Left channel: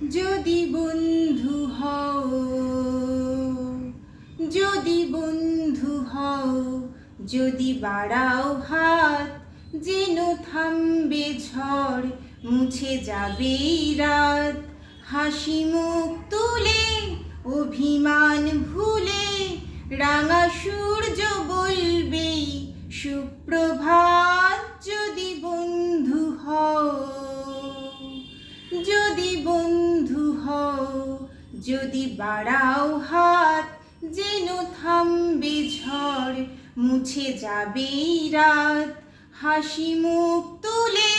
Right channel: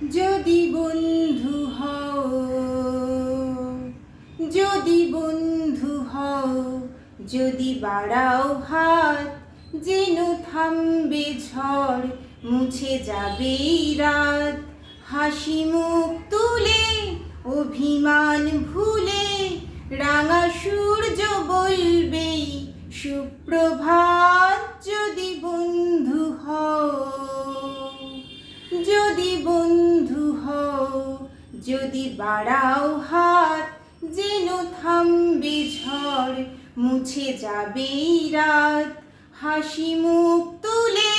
যদি বন্ধু হও, যদি বন্ধু হও, যদি বাড়াও হাত, যেন থামবে ঝড়, মুছে যাবে রাত। হাসি মুখ তুলে, অভিমান ভুলে, রাঙা সূর্য বলবে সুপ্রভাত। যদি বন্ধু হও, যদি বন্ধু হও, যদি বাড়াও হাত, যেন থামবে ঝড়, মুছে যাবে রাত। হাসি মুখ তুলে,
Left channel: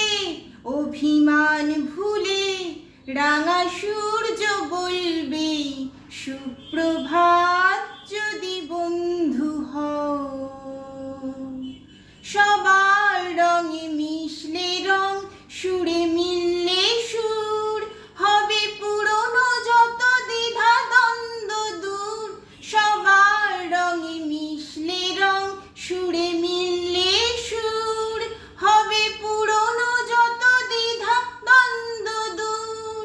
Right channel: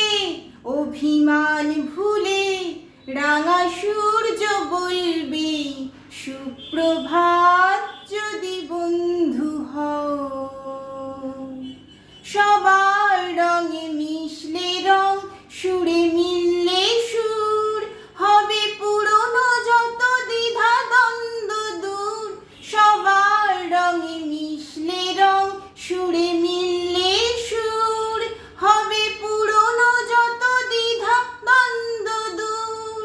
অভিমান ভুলে, রাঙা সূর্য বলবে সুপ্রভাত। যদি বন্ধু হও, সবার রঙে মিশলে রং, সুরে মিললে সুর, হবে পুরনো যত দ্বিধা দ্বন্দ্ব দূর। সবার রঙে মিশলে রং, সুরে মিললে সুর, হবে পুরনো যত দ্বিধা দ্বন্দ্ব দূর।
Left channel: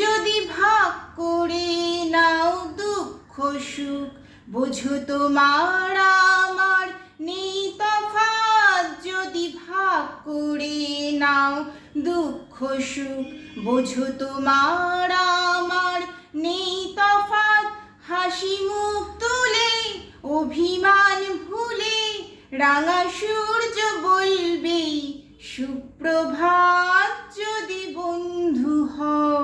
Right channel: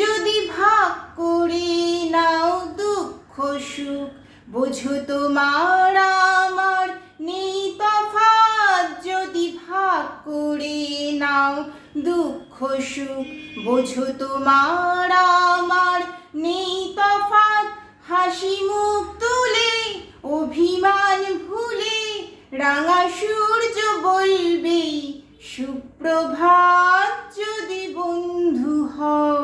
যদি ভাগ করে নাও দুঃখ সুখ, বোঝো তোমার আমার নেই তফাৎ। যদি ভাগ করে নাও দুঃখ সুখ, বোঝো তোমার আমার নেই তফাৎ। হাসি মুখ তুলে, অভিমান ভুলে, রাঙা সূর্য বলবে সুপ্রভাত। যদি বন্ধু হও,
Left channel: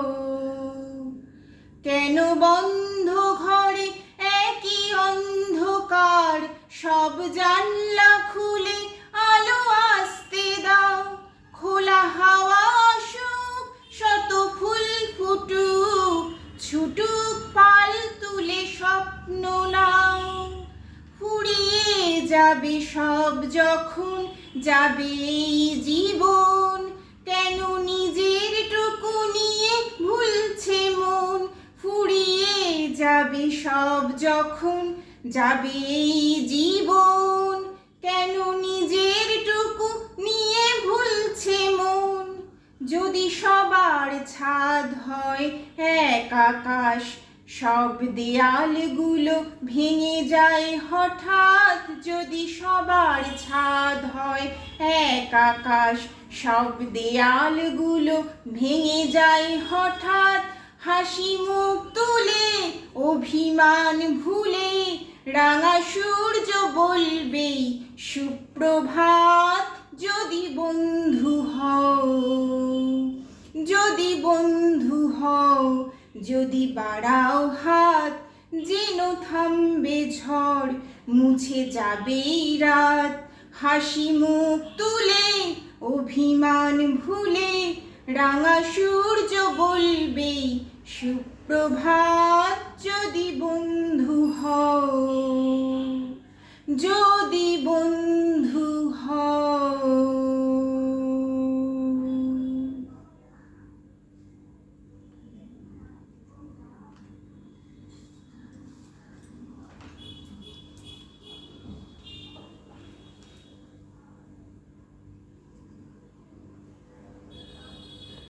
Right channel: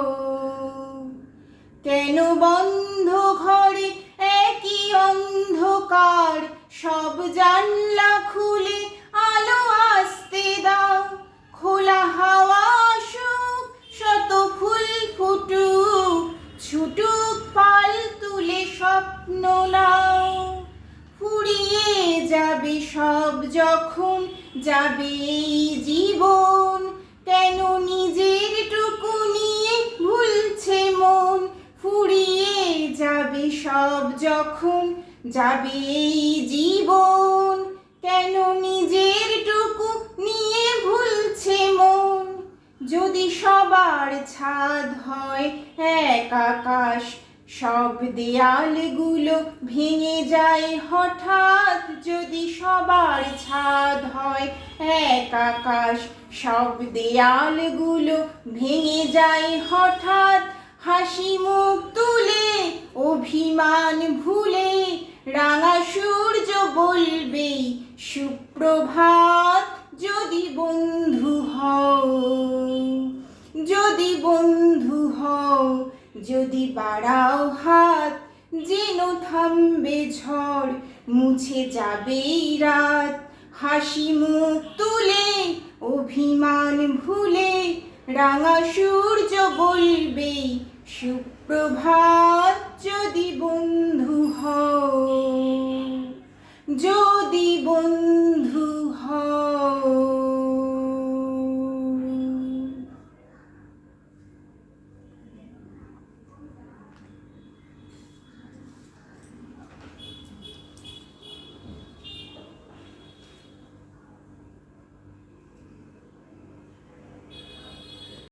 কেন বন্ধ ঘরে একই অন্ধকার, সব জানলা খুলে আলো আসতে দাও। খোলা হাওয়া আসুক, শত ফুল ফুটুক, ছুটুক পাল তুলে স্বপ্ন নাও। ফুরিয়ে যাবে সব যখন যাবে এই জীবন, কেন নিজের টুকু নিয়ে ভুলছে মন। ফুরিয়ে যাবে সব যখন যাবে এই জীবন, কেন নিজের টুকু নিয়ে ভুলছে মন। যদি সবার ছাদ হয় এক আকাশ, সব দেয়ালগুলো ভেঙে যায় হঠাৎ। যদি সবার ছাদ হয় এক আকাশ, সব দেয়ালগুলো ভেঙে যায় হঠাৎ। হাসি মুখ তুলে, অভিমান ভুলে, রাঙা সূর্য বলবে সুপ্রভাত। যদি বন্ধু হও, যদি বন্ধু হও, যদি বাড়াও হাত, যেন থামবে ঝড়, মুছে যাবে রাত। হাসি মুখ তুলে, অভিমান ভুলে, রাঙা সূর্য বলবে সুপ্রভাত। যদি বন্ধু হও, যদি বন্ধু